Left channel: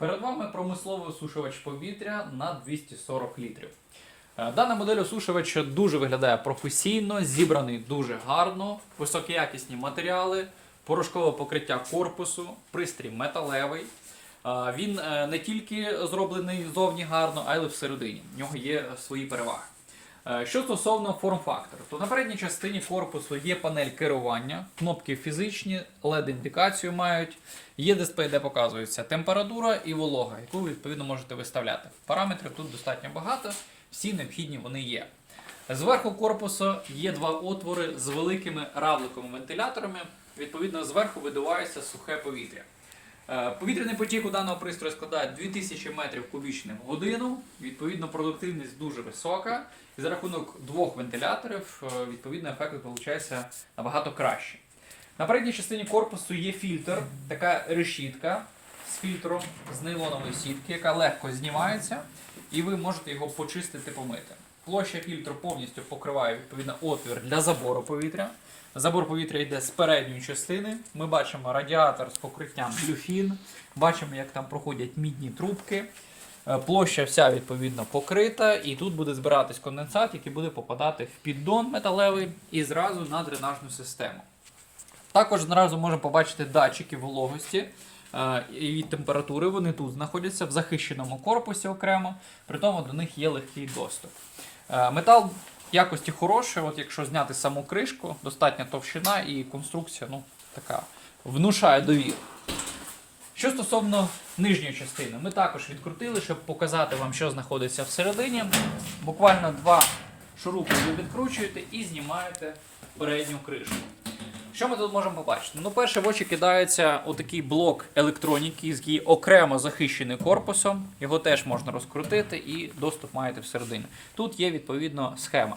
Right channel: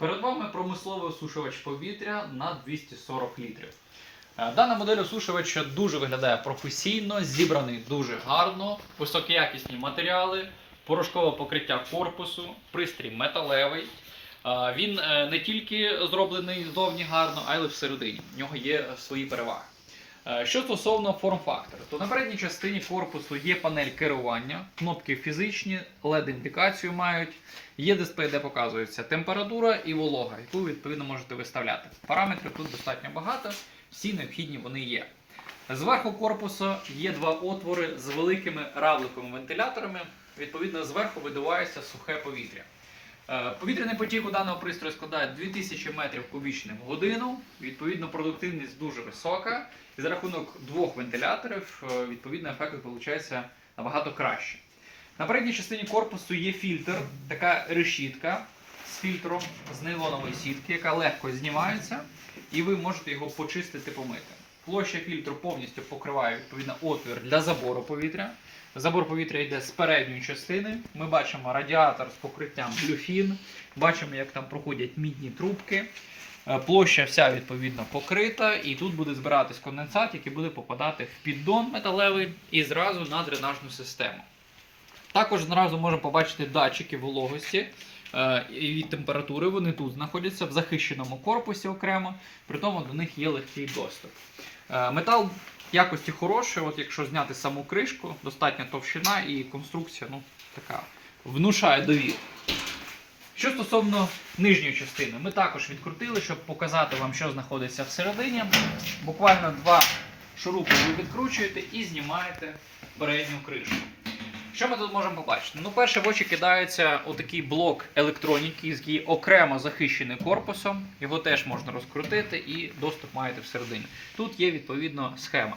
Перед вами промисловий осушувач повітря на 240 літрів. Е, Дана модель осушувача дуже виглядає професійно, зібраний дуже гарно, високоякісні матеріали, порошкове покриття корпусу, пристрій металевий. Е, Він е, не тільки зроблений зовні гарно, а й всередині. В нього є свої переваги. Е, Що стосовно форм-фактору, то на передній частині корпусу є панель керування, кнопки фізичні, LED-індикацію мають, є дисплей, де показується температура і волога, яку ви відповідно можете виставляти. Параметрів тут достатньо багато, всі необхідні вони є. Зверху корпусу є два отвори з великими равликовими вентиляторами. Відповідно, зверху видувається сухе повітря. Е, Повітряний потік у даного пристрою складає 2000 метрів кубічних в годину. Відповідно, продуктивність дуже висока. І за рахунок двох вентиляторів, е, відповідно, ефект виходить набагато краще. На передній частині корпусу є фільтр, така решітка з фільтром з нейлонової сітки, яка легко знімається, і ви можете його почистити, помити. Площа фільтру повністю покриває відповідно отвір для забору повітря. Забор повітря йде з передньої частини. Ми бачимо радіатор з покриттям люфін, бачимо, як там проходять мідні трубки. Е, Площа вся відповідно покрита, і тут буде збиратись конденсат, який буде попадати в піддон металевий і зразу на дренажну систему. Також зразу можемо побачити датчики вологості е, і температури. Вони тут знаходяться в захищеному корпусі окремо, при тому до них є легкий доступ. Е, Метал якості хороший, от якщо зняти саму кришку, достатня товщина і конструкція ну, така внушає довіру. Що стосовно нижньої частини, ми також відкрутили, щоб показати вам, що знаходиться всередині. Буквально два шурупи ви відкручуєте і знімаєте передню кришку. Що ми тут можемо побачити? Ну, перше в очі кидається отакий блок електроніки, який окремо захищений корпусом. Його теж можна розкрутити і доступ маєте всередині. Тут є відповідно схема.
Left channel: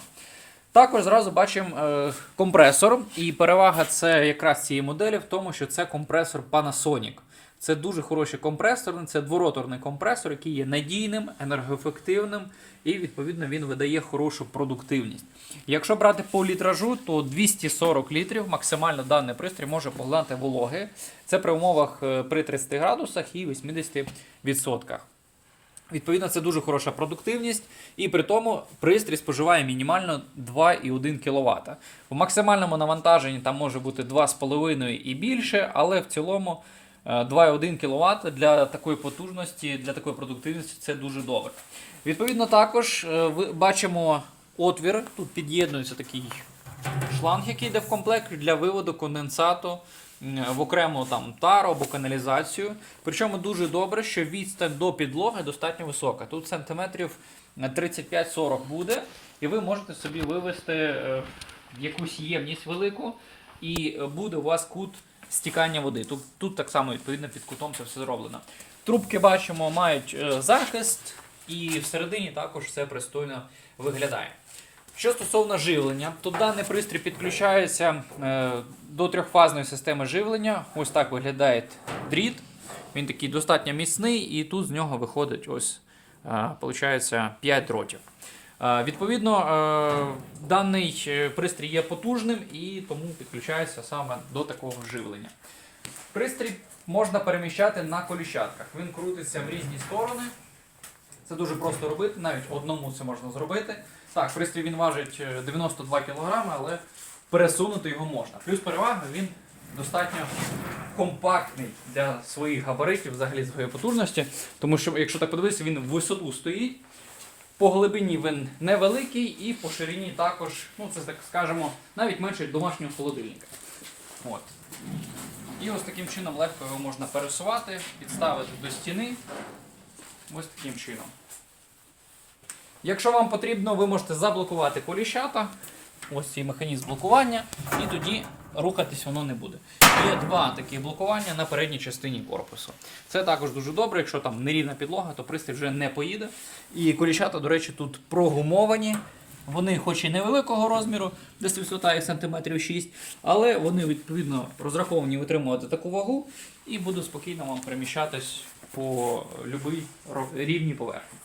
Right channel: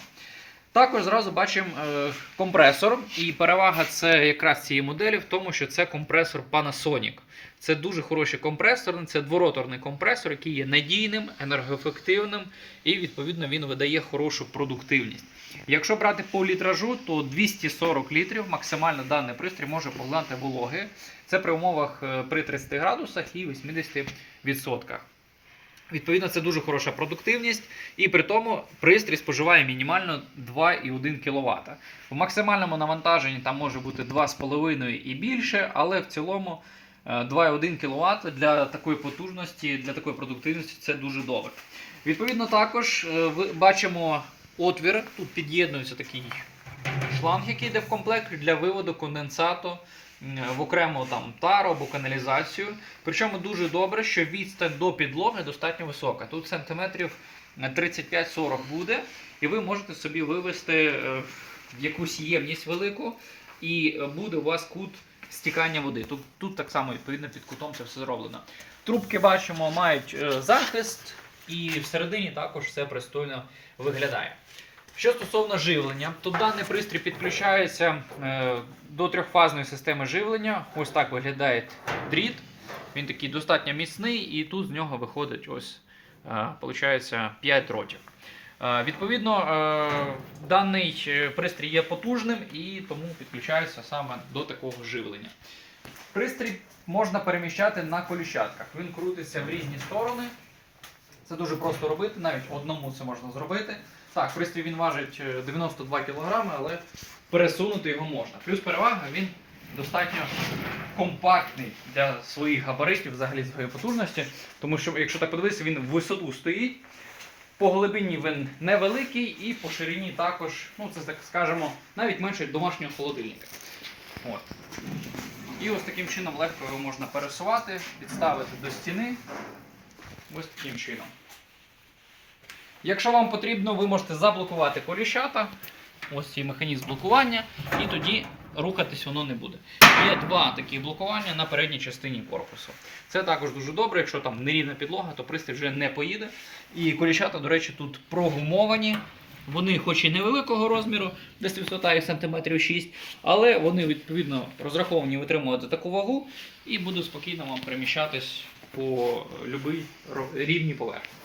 Також зразу бачимо е, компресор, і перевага це якраз цієї моделі в тому, що це компресор Panasonic. Це дуже хороший компресор, це двороторний компресор, який є надійним, енергоефективним і відповідно він видає хорошу продуктивність. Якщо брати по літражу, то 240 літрів максимально даний пристрій може поглинати вологи. Це при умовах е, при 30 градусах і 80%. Відповідно, це дуже хороша продуктивність, і при тому пристрій споживає мінімально 2,1 кВт. У максимальному навантаженні там може бути 2,5 і більше, але в цілому 2,1 кВт для такої потужності, для такої продуктивності це дуже добре. Відповідно, також е, бачимо отвір, тут під'єднується такий шланг, який йде в комплект для виводу конденсату в окрему там тару або каналізацію. Причому дуже добре, що відстань до підлоги достатньо висока. Тут сантиметрів 35-40 буде, і ви можете собі вивести е, якусь ємність велику, і е, буде у вас кут стікання води. Тут, тут так само відповідно під кутом це все зроблено. Трубки бачимо, мають е, захист, і всередині також все пристойно виглядає. Що стосовно живлення, то даний пристрій підключається е, до трьохфазної системи живлення. Ось так виглядає дріт. Він такий достатньо міцний, і тут з нього виходить ось, получається 5 дротів. Е, Відповідно, е, даний е, пристрій є потужним і тому підключається саме до такого живлення. Пристрій можна переміщати на коліщатках. Він крутиться в різні сторони. Це дуже просто робити, навіть одному це можна зробити. Так, пристрій він важить е, 92 кг, але пересунути його можна. Плюс перевага він достатньо компактний для своїх габаритів, взагалі своєї потужності. Тому що, якщо так подивитися, він в висоту стоїть. По глибині він невеликий і по ширині також, ну це так скажемо, навіть менше домашнього холодильника. От. І ось таким чином легко його можна пересувати, підставити до стіни. Ось таким чином. Якщо вам потрібно, ви можете заблокувати коліщата. Ось цей механізм блокування, і тоді рухатись воно не буде. Є два такі блокування на передній частині корпусу. Це також дуже добре, якщо там нерівна підлога, то пристрій вже не поїде. І коліщата, до речі, тут прогумовані. Вони хоч і невеликого розміру, десь висота їх сантиметрів 6, але вони відповідно розраховані витримувати таку вагу і будуть спокійно вам переміщатись по будь-якій рівні поверхні.